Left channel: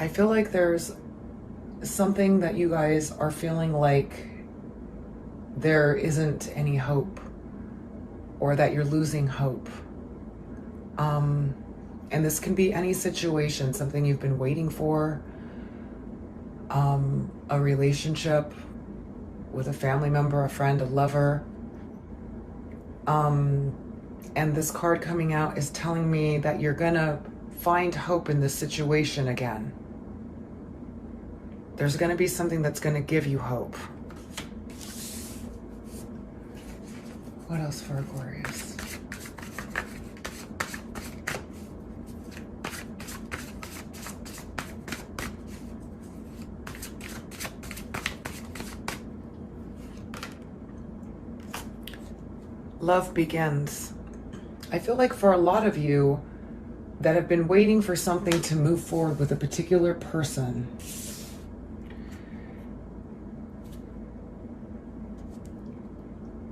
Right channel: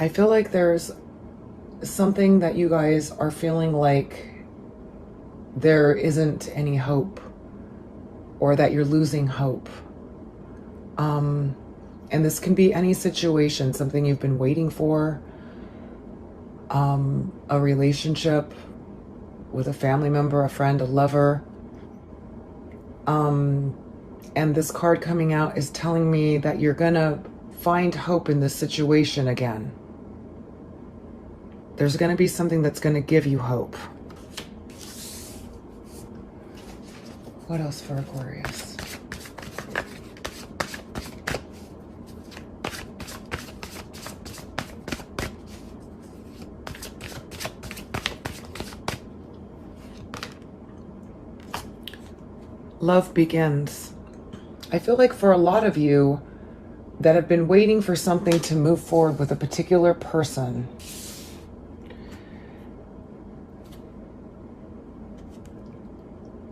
I feel like there's something that you guys are feeling like there isn't any hope, or that you're losing hope. And this can be any situation, something you've been waiting for, a relationship with a family member, a friend, a lover. And this card coming out is telling me that you're gonna find hope in this situation again. There's gonna be something that's gonna give you hope. What else for Aquarius? Love begins. I feel like for a lot of you that have been waiting for something to move forward with a particular person,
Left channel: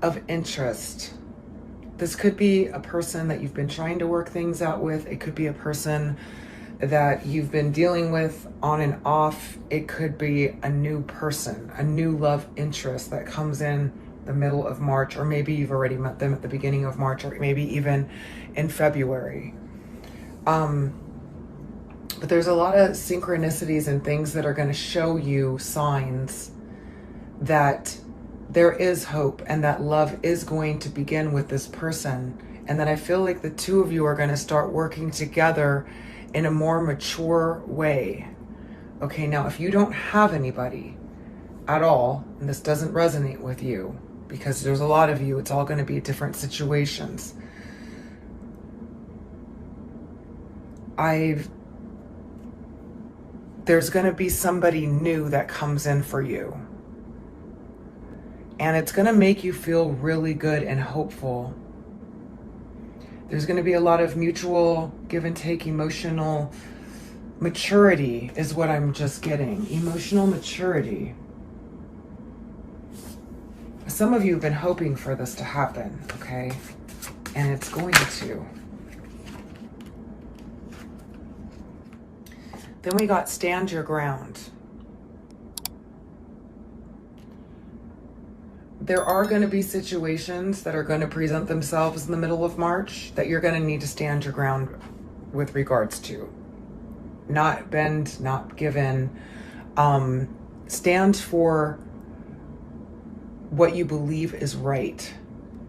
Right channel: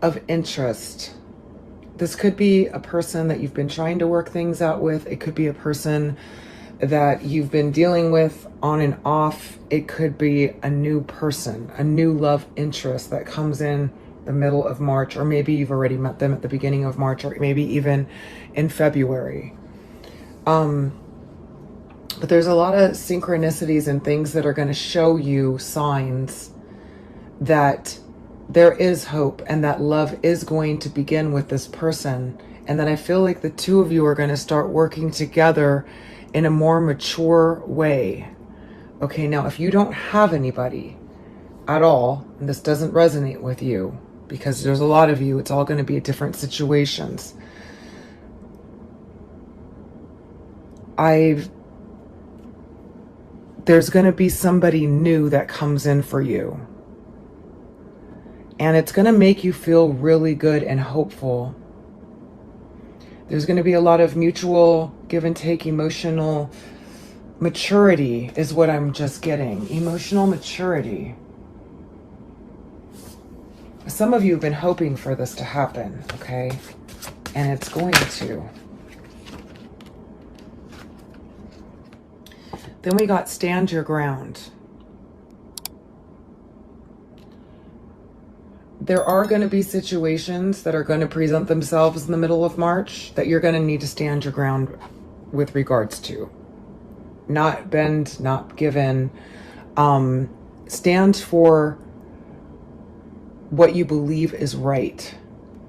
of interest. This could be a person that you've been trying to work things out with. It could be a person that you've been dealing with on and off. It could be a new person, a new love interest that comes in the middle of March, or maybe you've already met them at the beginning of March, or maybe even in February. But there's a lot of synchronicities and things that are going to show you signs that there is hope and that love is going to begin with this person. And then I feel like the two of you are going to start working together in a more mature way. Okay, now if you don't have anybody at all, and this doesn't resonate with you, because there's a lot of you, it's all going to be different situations. There's going to be somebody new that comes in for you. And it's going to make you feel really good and hopeful. There's going to be a lot of mutual give and take, emotional maturity is what I'm just getting. Emotional maturity. Some of you have been hoping for this to happen, okay? And it's going to. Then we got stand your ground. There are going to be situations that are going to present themselves in the middle of March that you're going to need to stand your ground with regards to. Not bend, not give in. Stand for what you believe is right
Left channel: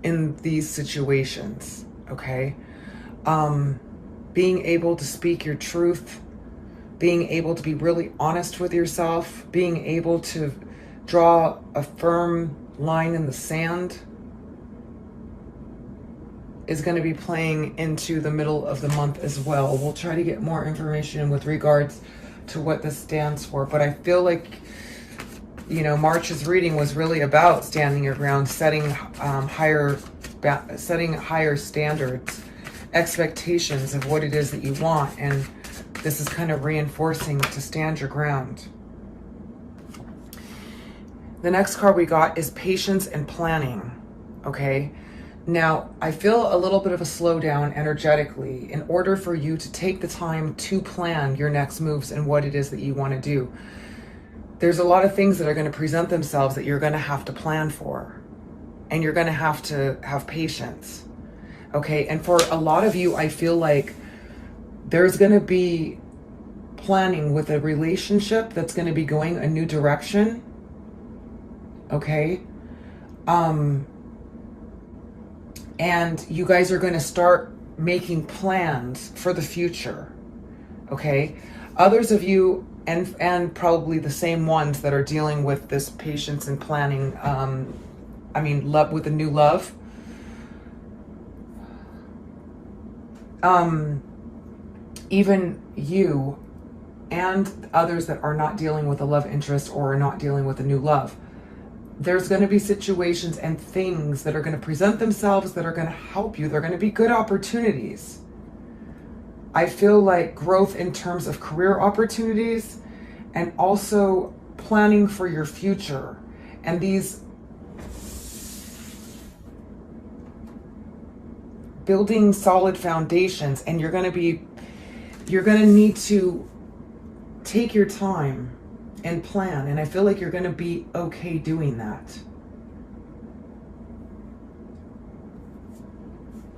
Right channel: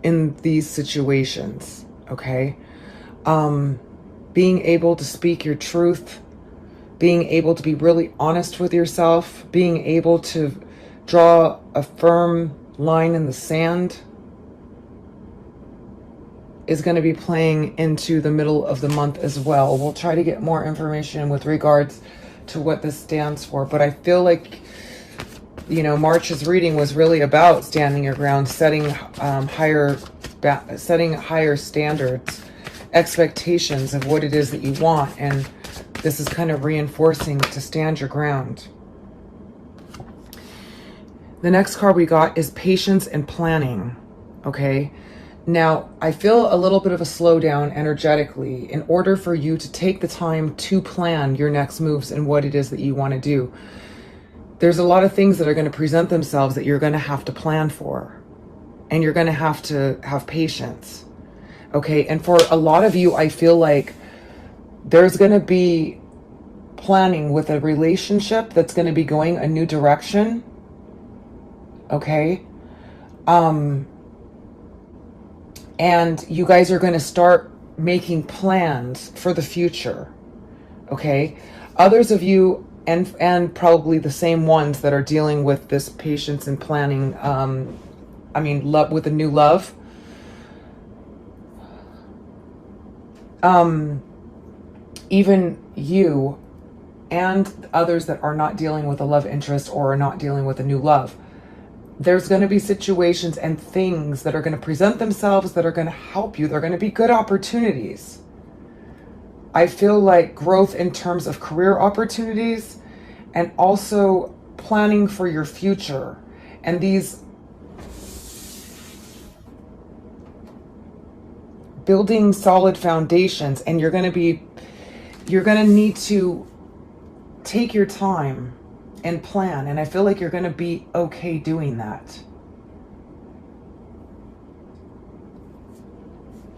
in these situations, okay? Being able to speak your truth, being able to be really honest with yourself, being able to draw a firm line in the sand is going to be playing into the middle of the month as well. We'll try to get more information with regards to what this stands for, but I feel like, you know, March's reading was really about standing your ground, setting higher standards, expectations of what it is that you want, and this is kind of reinforcing to stand your ground. The next card we got is patience and planning, okay? Now, I feel a little bit of a slowdown energetically in order for you to take the time to plan your next moves and what it is that you want to do. There's a lot of things that are going to present themselves that you're going to have to plan for, and you're going to have patience, okay? And for a lot of you, I feel like there's going to be planning with a relationship that's going to be going a new direction, okay? And you guys are going to start making plans for the future, okay? Others of you, and probably the same ones that are dealing with this patience and planning, love with a new love, even you and others that are not dealing with a love interest or are not dealing with a new love, there's going to be situations and things that are going to present themselves that are going to help you. They're going to be good opportunities. I feel like growth in terms of career opportunities and also planning for your future. And these building solid foundations, and you're going to need to take your time and plan. And I feel like you're going to be okay doing that.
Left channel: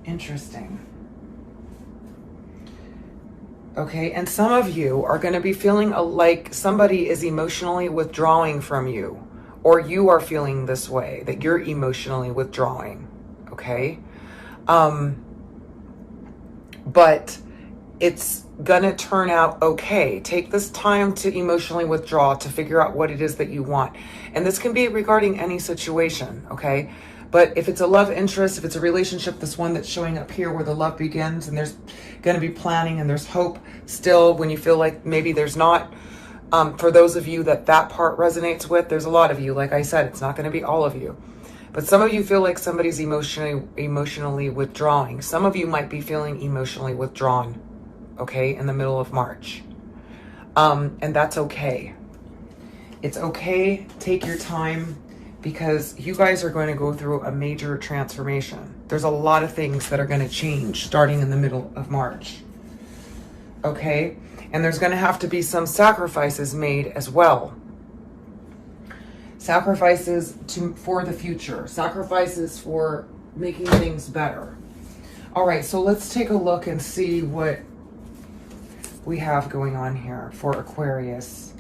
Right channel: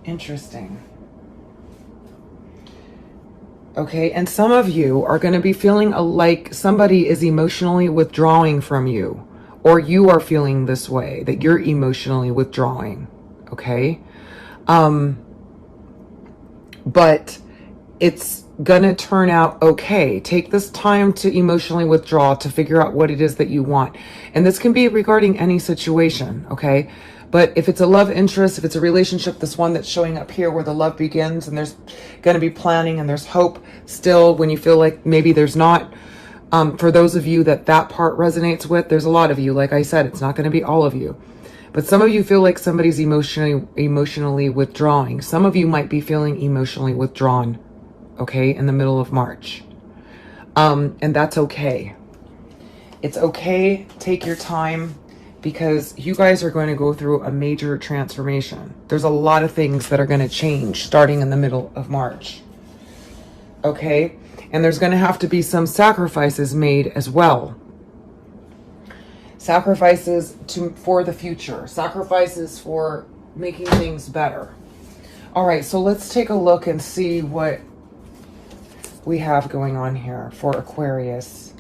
Interesting. Okay, and some of you are going to be feeling like somebody is emotionally withdrawing from you, or you are feeling this way, that you're emotionally withdrawing. Okay, but it's gonna turn out okay. Take this time to emotionally withdraw, to figure out what it is that you want. And this can be regarding any situation, okay? But if it's a love interest, if it's a relationship, this one that's showing up here where the love begins, and there's gonna be planning and there's hope still when you feel like maybe there's not. For those of you that part resonates with, there's a lot of you. Like I said, it's not gonna be all of you. But some of you feel like somebody's emotionally withdrawing. Some of you might be feeling emotionally withdrawn, okay, in the middle of March. And that's okay. It's okay. Take your time, because you guys are going to go through a major transformation. There's a lot of things that are going to change starting in the middle of March. Okay? And there's going to have to be some sacrifices made as well. Sacrifices for the future. Sacrifices for making things better. All right, so let's take a look and see what we have going on here for Aquarius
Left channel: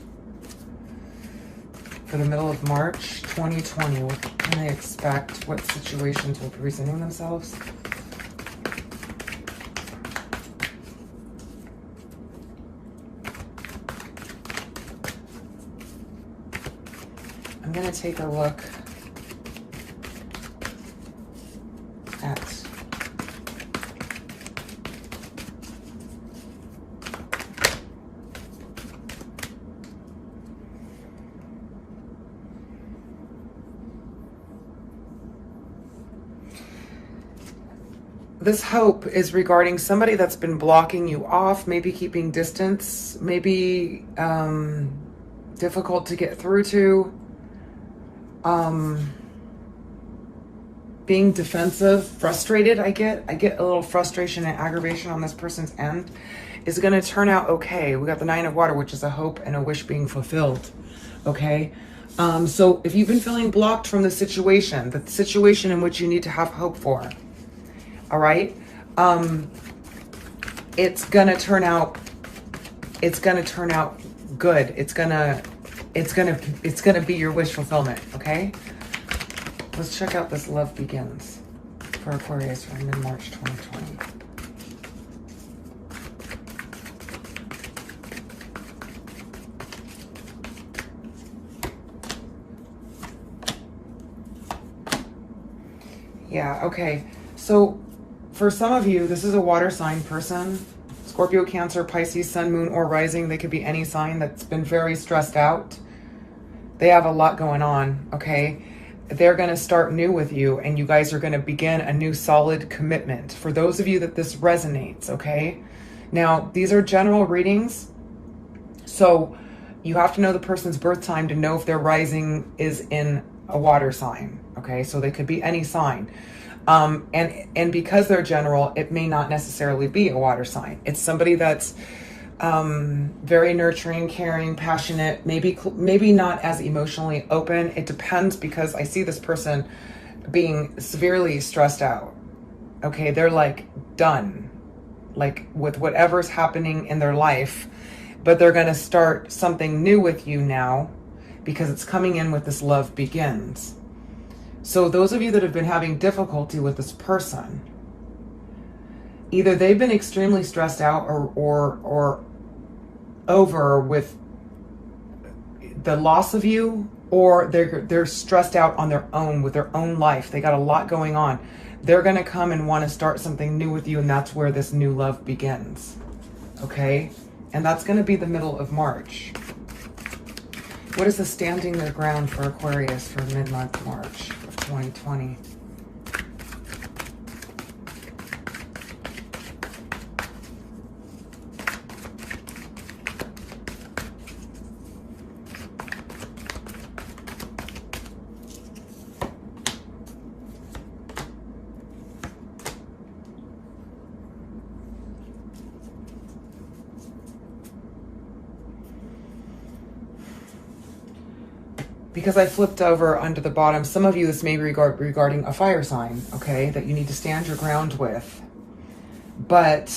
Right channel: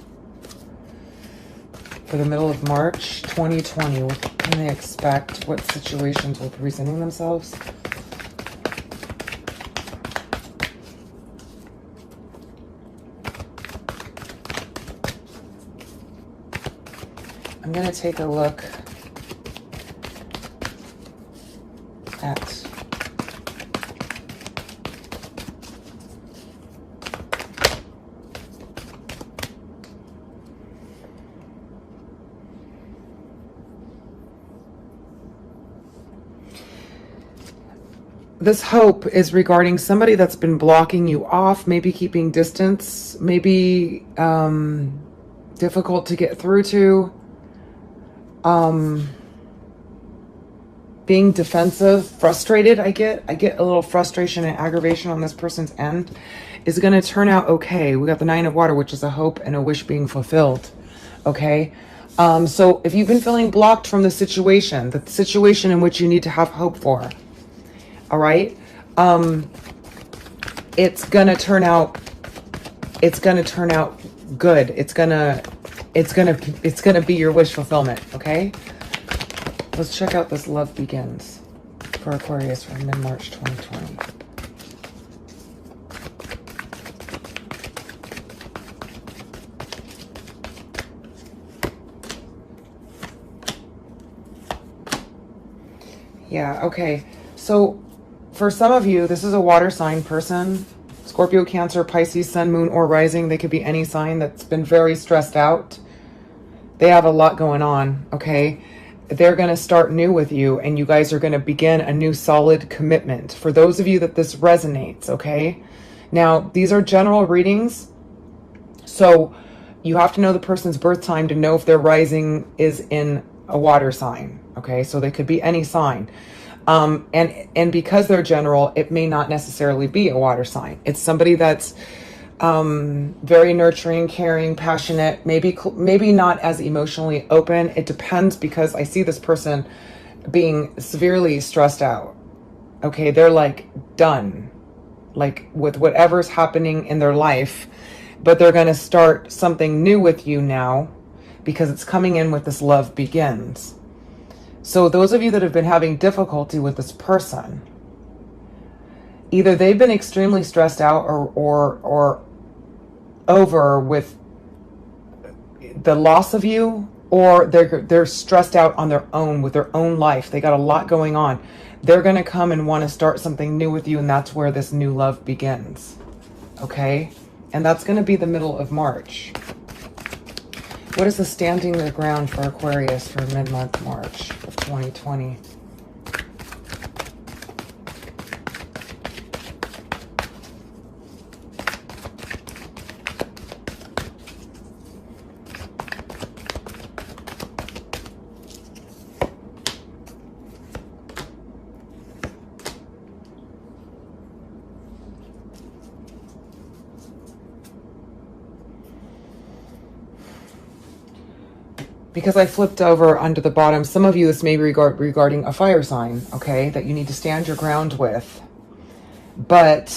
for the middle of March 2020. What can they expect? What situations will be presenting themselves? I'm going to take a look at this hope is regarding somebody that's been blocking you off, maybe keeping distance, maybe difficult to get through to. Being defensive, frustrated. I get a little frustration and aggravation on this person's end. Is going to turn out okay. We got the 9 of Water, which is a hope and a wish being fulfilled. Okay. So if you've been feeling blocked from the situation in which you need to have hope for, all right, it's going to turn out good. It's gonna be your wish fulfillment. Okay. Let's check out this love begins for Aquarius for mid-March 2020. Yeah, okay. So for some of you, this is a water sign person. Scorpio, Cancer, Pisces, Sun, Moon, or Rising. They could be any sign that's been very stressed out. They have a lot going on, okay? They're going to start new with you, and you guys are going to begin a new solid commitment. For those of you that this resonates, okay? Now, these are general readings, so you have to know the person's birth time to know if their rising is in a water sign, okay? So they could be any sign. And because they're general, it may not necessarily be a water sign. It's somebody that's very nurturing, caring, passionate, maybe not as emotionally open. It depends, because I see this person being severely stressed out. Okay, they're like done, like with whatever's happening in their life, but they're going to start something new with you now, because it's coming in with this love begins. So those of you that have been having difficulty with this person, either they've been extremely stressed out or over with the loss of you, or they're stressed out on their own with their own life. They got a lot going on. They're going to come and want to start something new with you, and that's where this new love begins. Okay? And that's going to be the middle of March. What is the standing their ground for Aquarius for mid-month March of 2020? because I flipped over under the bottom, some of you, this may be regarding a fire sign, okay, that you need to stand your ground with. But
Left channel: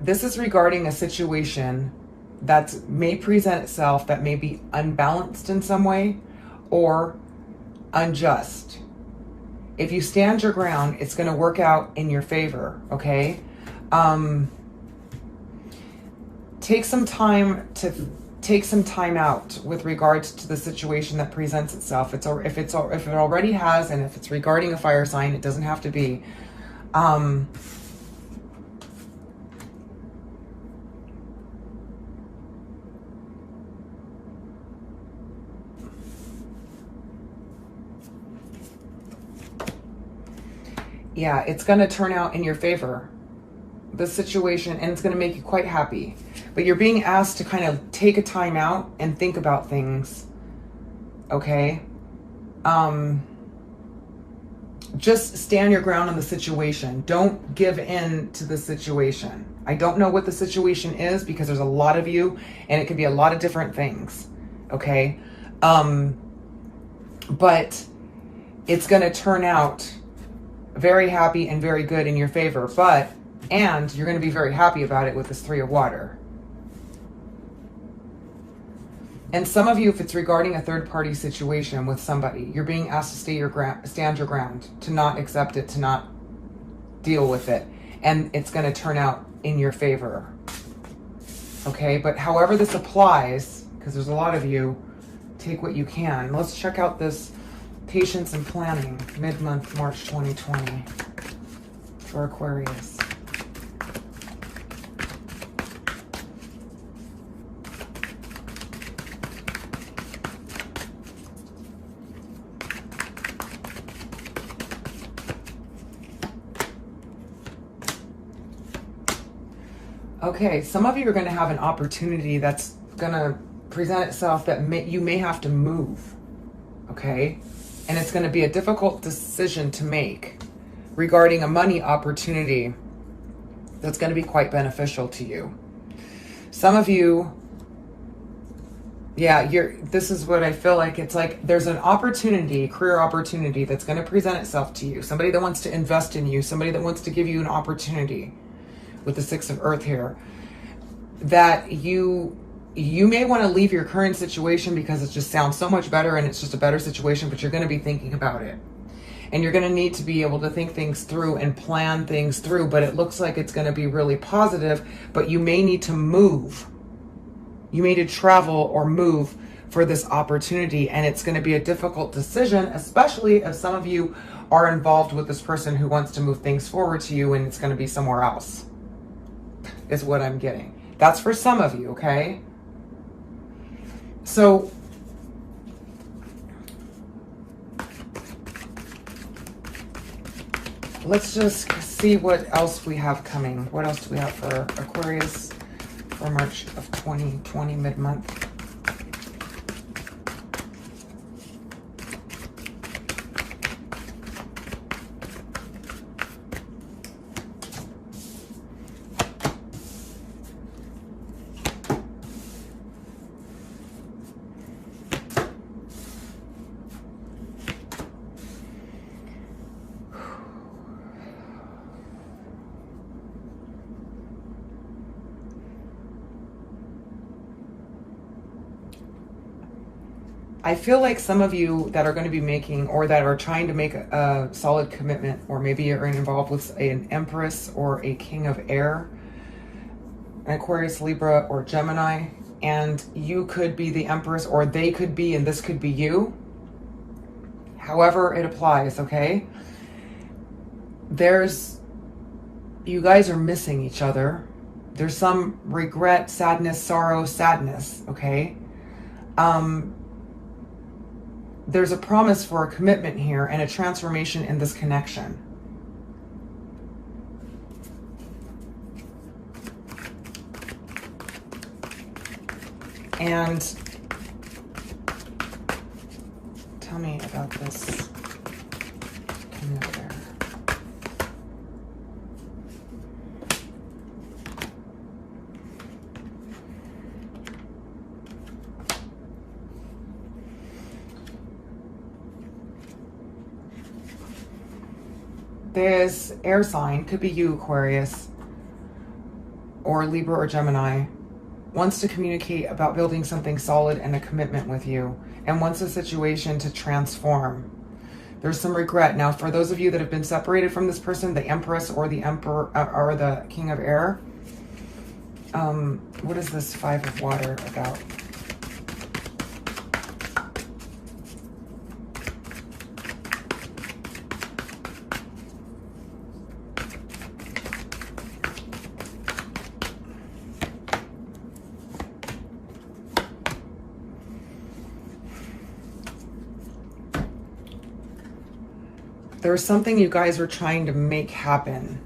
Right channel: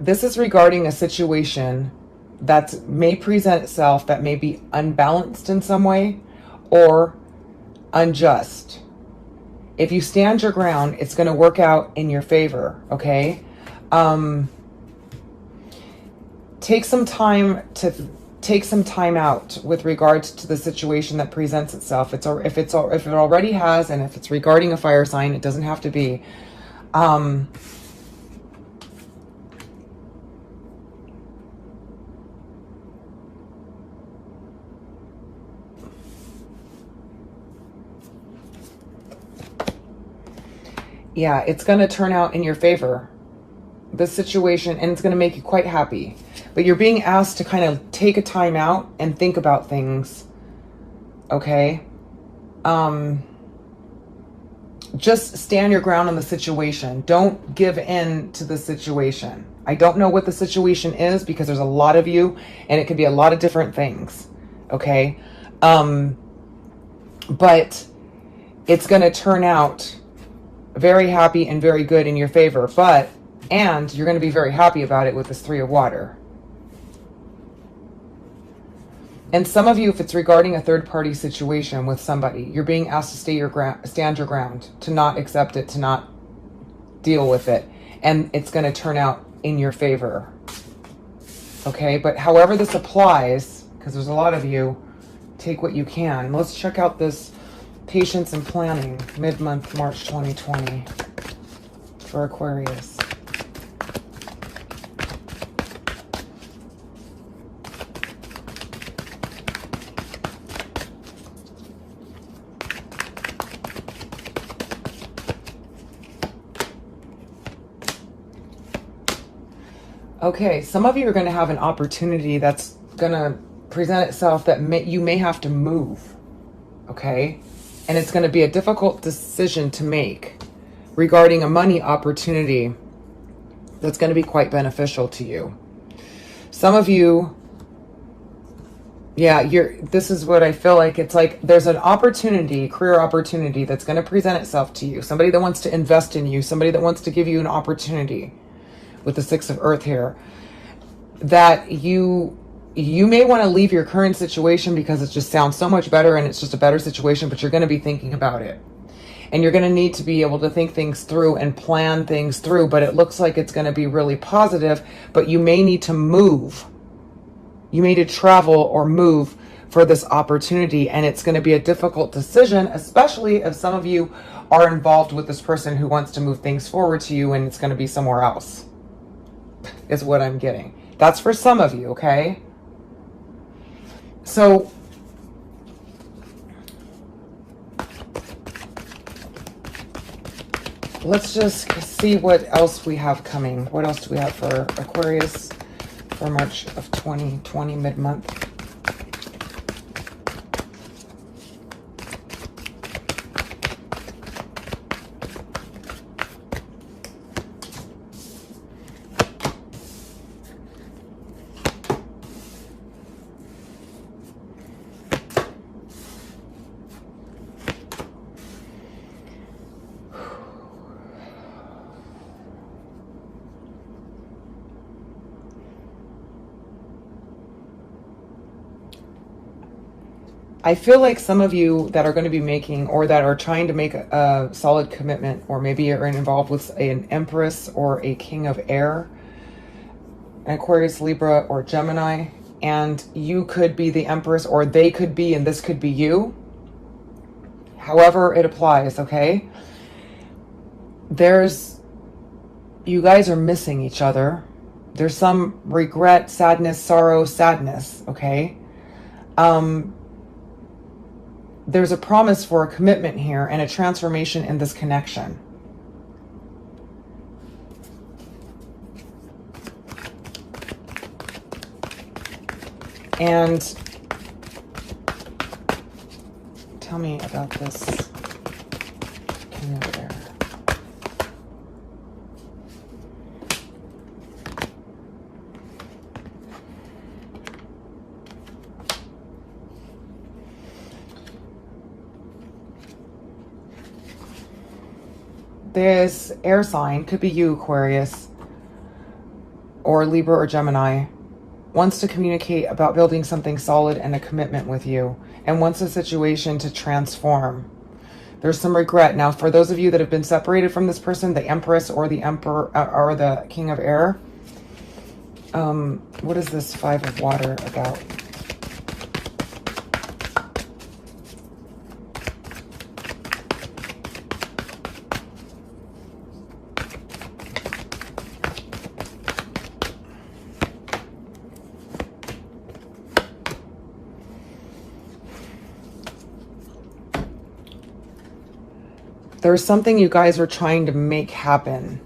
this is regarding a situation that may present itself that may be unbalanced in some way or unjust. If you stand your ground, it's going to work out in your favor, okay? Take some time out with regards to the situation that presents itself. If it already has, and if it's regarding a fire sign, it doesn't have to be. Yeah, it's going to turn out in your favor, this situation, and it's going to make you quite happy. But you're being asked to kind of take a time out and think about things, okay? Just stand your ground on the situation. Don't give in to the situation. I don't know what the situation is because there's a lot of you, and it could be a lot of different things, okay? But it's going to turn out very happy and very good in your favor, and you're going to be very happy about it with this Three of Water. And some of you, if it's regarding a third-party situation with somebody, you're being asked to stand your ground, to not accept it, to not deal with it, and it's going to turn out in your favor. Okay, but however this applies, because there's a lot of you, take what you can. Let's check out this Patience and Planning, mid-month, March 2020, for Aquarius. Okay, some of you are going to have an opportunity that's going to present itself that you may have to move, okay? And it's going to be a difficult decision to make regarding a money opportunity that's going to be quite beneficial to you. Some of you, yeah, this is what I feel like. It's like there's an opportunity, career opportunity that's going to present itself to you. Somebody that wants to invest in you, somebody that wants to give you an opportunity with the Six of Earth here, that you may want to leave your current situation because it just sounds so much better and it's just a better situation, but you're going to be thinking about it. And you're going to need to be able to think things through and plan things through, but it looks like it's going to be really positive, but you may need to move. You may need to travel or move for this opportunity, and it's going to be a difficult decision, especially if some of you are involved with this person who wants to move things forward to you and it's going to be somewhere else, is what I'm getting. That's for some of you, okay? So let's just see what else we have coming. What else do we have for Aquarius for March of 2020, mid-month? I feel like some of you that are going to be making, or that are trying to make a solid commitment, or maybe you're involved with an Empress or a King of Air, an Aquarius, Libra, or Gemini, and you could be the Empress, or they could be, and this could be you. However it applies, okay? You guys are missing each other. There's some regret, sadness, sorrow, sadness, okay? There's a promise for a commitment here and a transformation in this connection. And tell me about this King of Air. this air sign, could be you, Aquarius, or Libra or Gemini, wants to communicate about building something solid and a commitment with you, and wants a situation to transform. There's some regret. Now, for those of you that have been separated from this person, the Empress or the Emperor or the King of Air, what is this Five of Water about? There's something you guys are trying to make happen.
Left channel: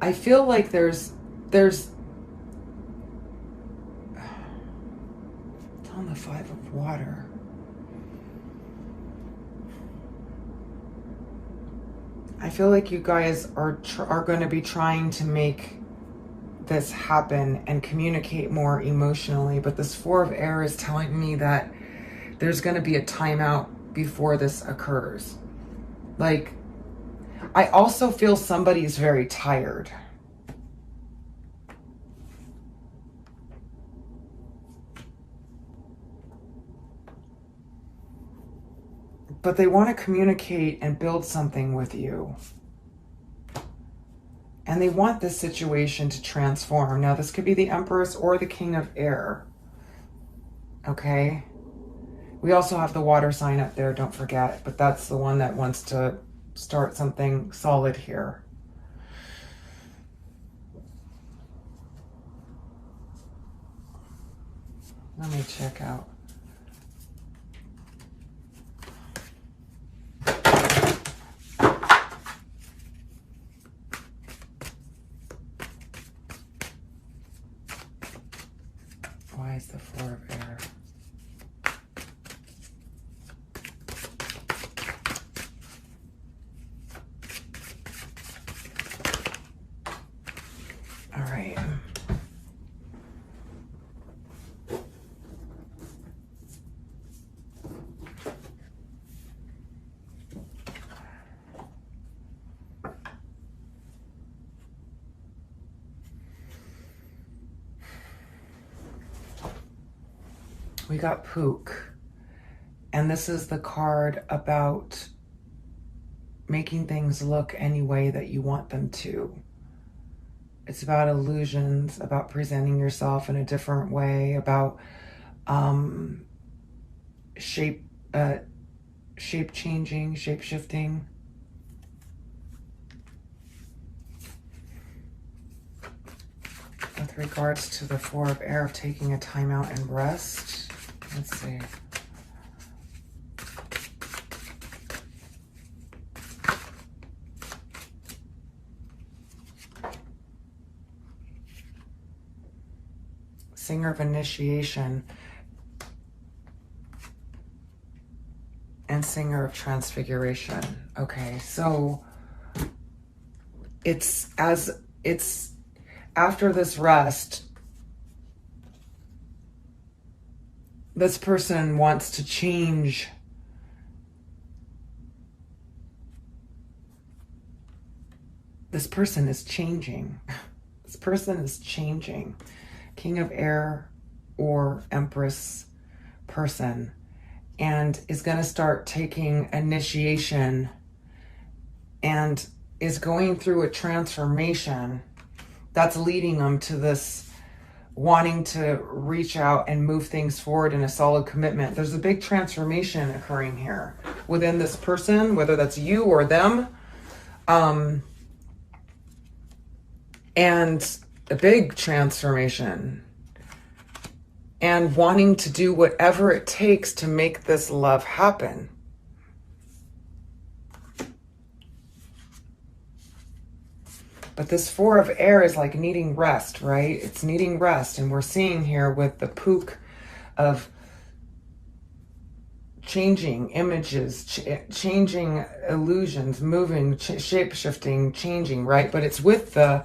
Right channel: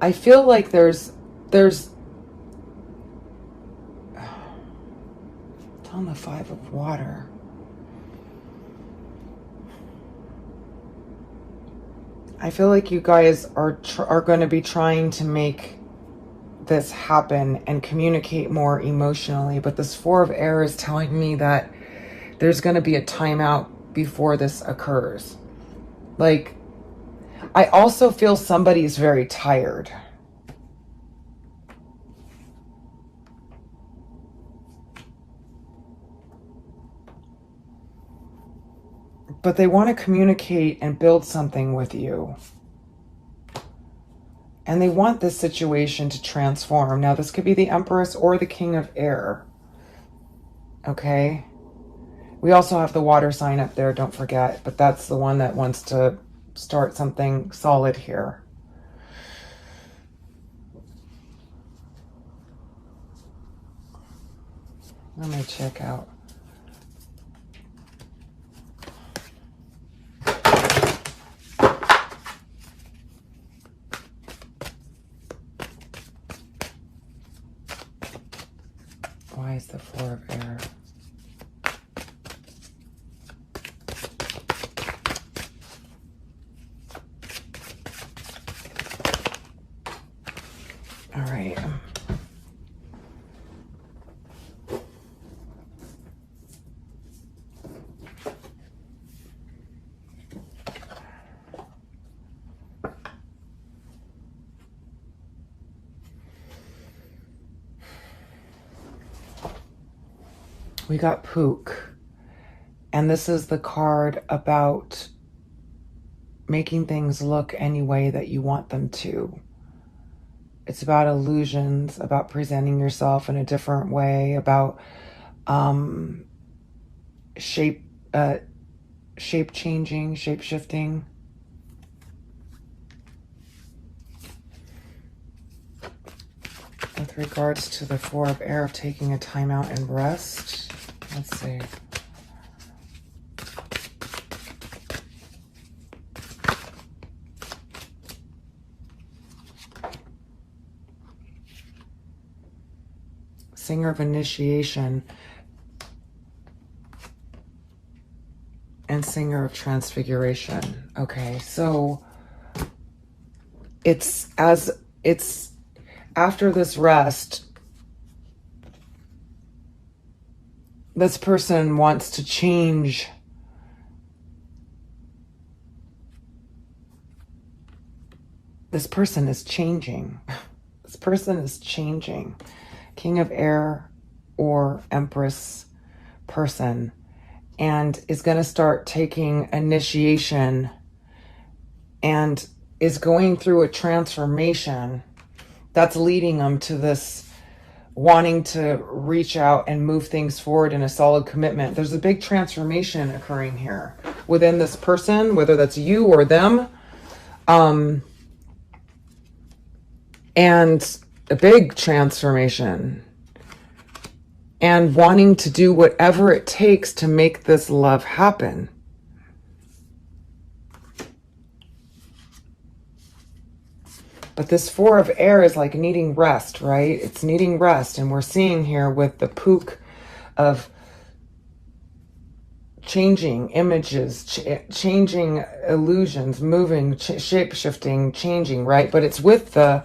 I feel like there's on the Five of Water. I feel like you guys are going to be trying to make this happen and communicate more emotionally, but this Four of Air is telling me that there's going to be a timeout before this occurs. Like, I also feel somebody's very tired. But they want to communicate and build something with you. And they want this situation to transform. Now, this could be the Empress or the King of Air. Okay? We also have the water sign up there, don't forget. But that's the one that wants to start something solid here. Let me check out. Why is the Four of Air? All right. We got Pook, and this is the card about making things look any way that you want them to. It's about illusions, about presenting yourself in a different way, about shape changing, shape shifting. With regards to the Four of Air of taking a time out and rest. Let's see. Singer of Initiation and Singer of Transfiguration. Okay, so it's after this rest, this person wants to change. This person is changing. This person is changing. King of Air or Empress person, and is going to start taking initiation and is going through a transformation that's leading them to this wanting to reach out and move things forward in a solid commitment. There's a big transformation occurring here within this person, whether that's you or them. And a big transformation. And wanting to do whatever it takes to make this love happen. But this Four of Air is like needing rest, right? It's needing rest. And we're seeing here with the Pook of changing images, changing illusions, moving, shape-shifting, changing, right? But it's with the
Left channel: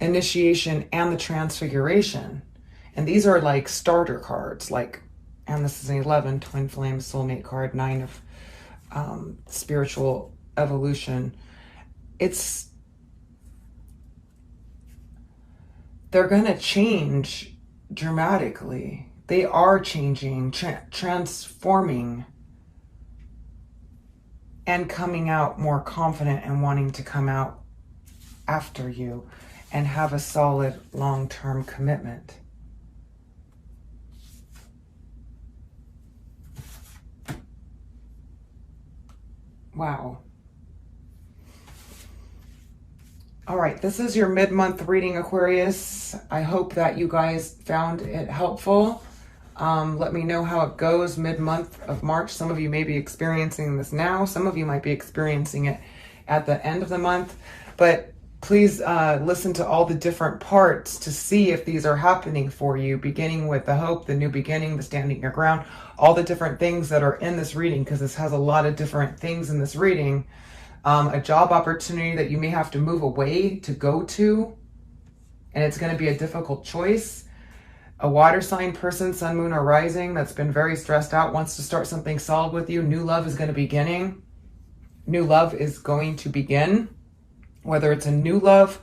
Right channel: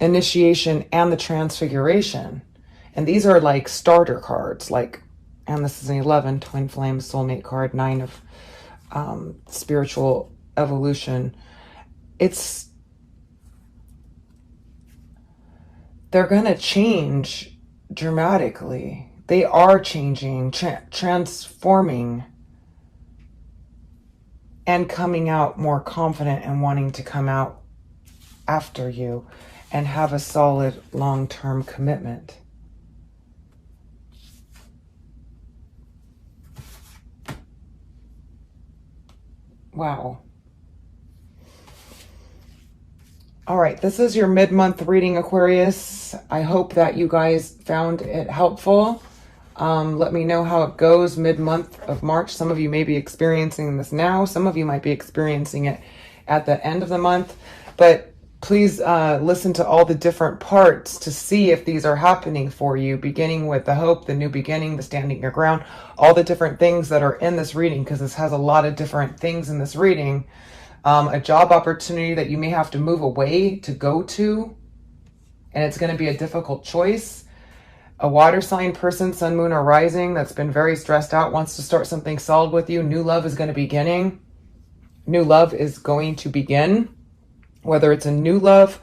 initiation, and the transfiguration. And these are like starter cards, like, and this is an 11, twin flame, soulmate card, 9 of spiritual evolution. They're going to change dramatically. They are changing, transforming, and coming out more confident and wanting to come out after you and have a solid long-term commitment. Wow. All right, this is your mid-month reading, Aquarius. I hope that you guys found it helpful. Let me know how it goes mid-month of March. Some of you may be experiencing this now. Some of you might be experiencing it at the end of the month. But please listen to all the different parts to see if these are happening for you, beginning with the hope, the new beginning, the standing your ground, all the different things that are in this reading, because this has a lot of different things in this reading. A job opportunity that you may have to move away to go to, and it's going to be a difficult choice. A water sign person, sun, moon, or rising, that's been very stressed out, wants to start something solid with you. New love is going to begin. New love is going to begin, whether it's a new love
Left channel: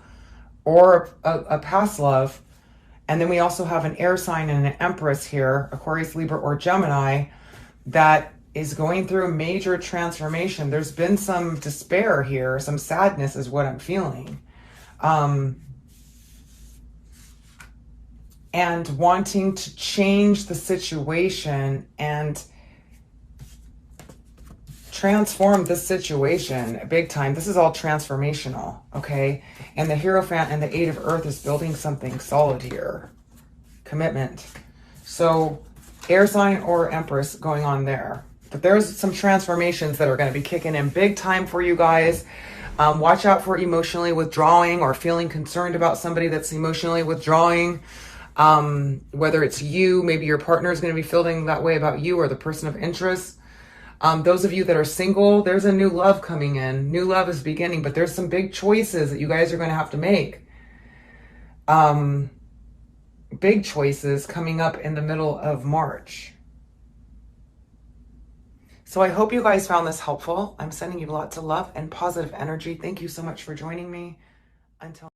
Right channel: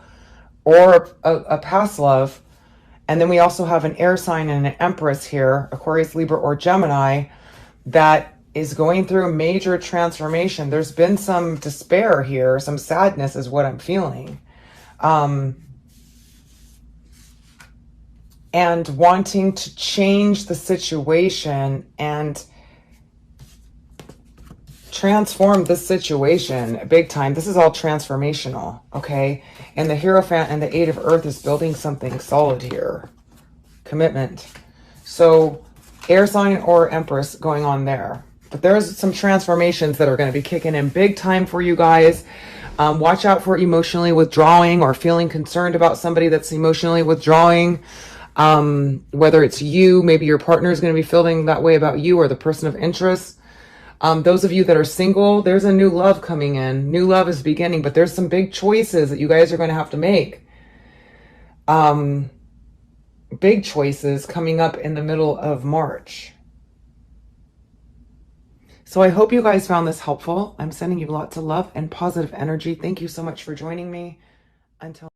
or a past love. And then we also have an air sign and an empress here, Aquarius, Libra, or Gemini, that is going through a major transformation. There's been some despair here, some sadness is what I'm feeling. And wanting to change the situation and transform this situation big time. This is all transformational, okay? And the Hierophant and the Eight of Earth is building something solid here. Commitment. So air sign or empress going on there. But there's some transformations that are going to be kicking in big time for you guys. Watch out for emotionally withdrawing or feeling concerned about somebody that's emotionally withdrawing. Whether it's you, maybe your partner is going to be feeling that way about you or the person of interest. Those of you that are single, there's a new love coming in. New love is beginning, but there's some big choices that you guys are going to have to make. Big choices coming up in the middle of March. So I hope you guys found this helpful. I'm sending you lots of love and positive energy. Thank you so much for joining me. Until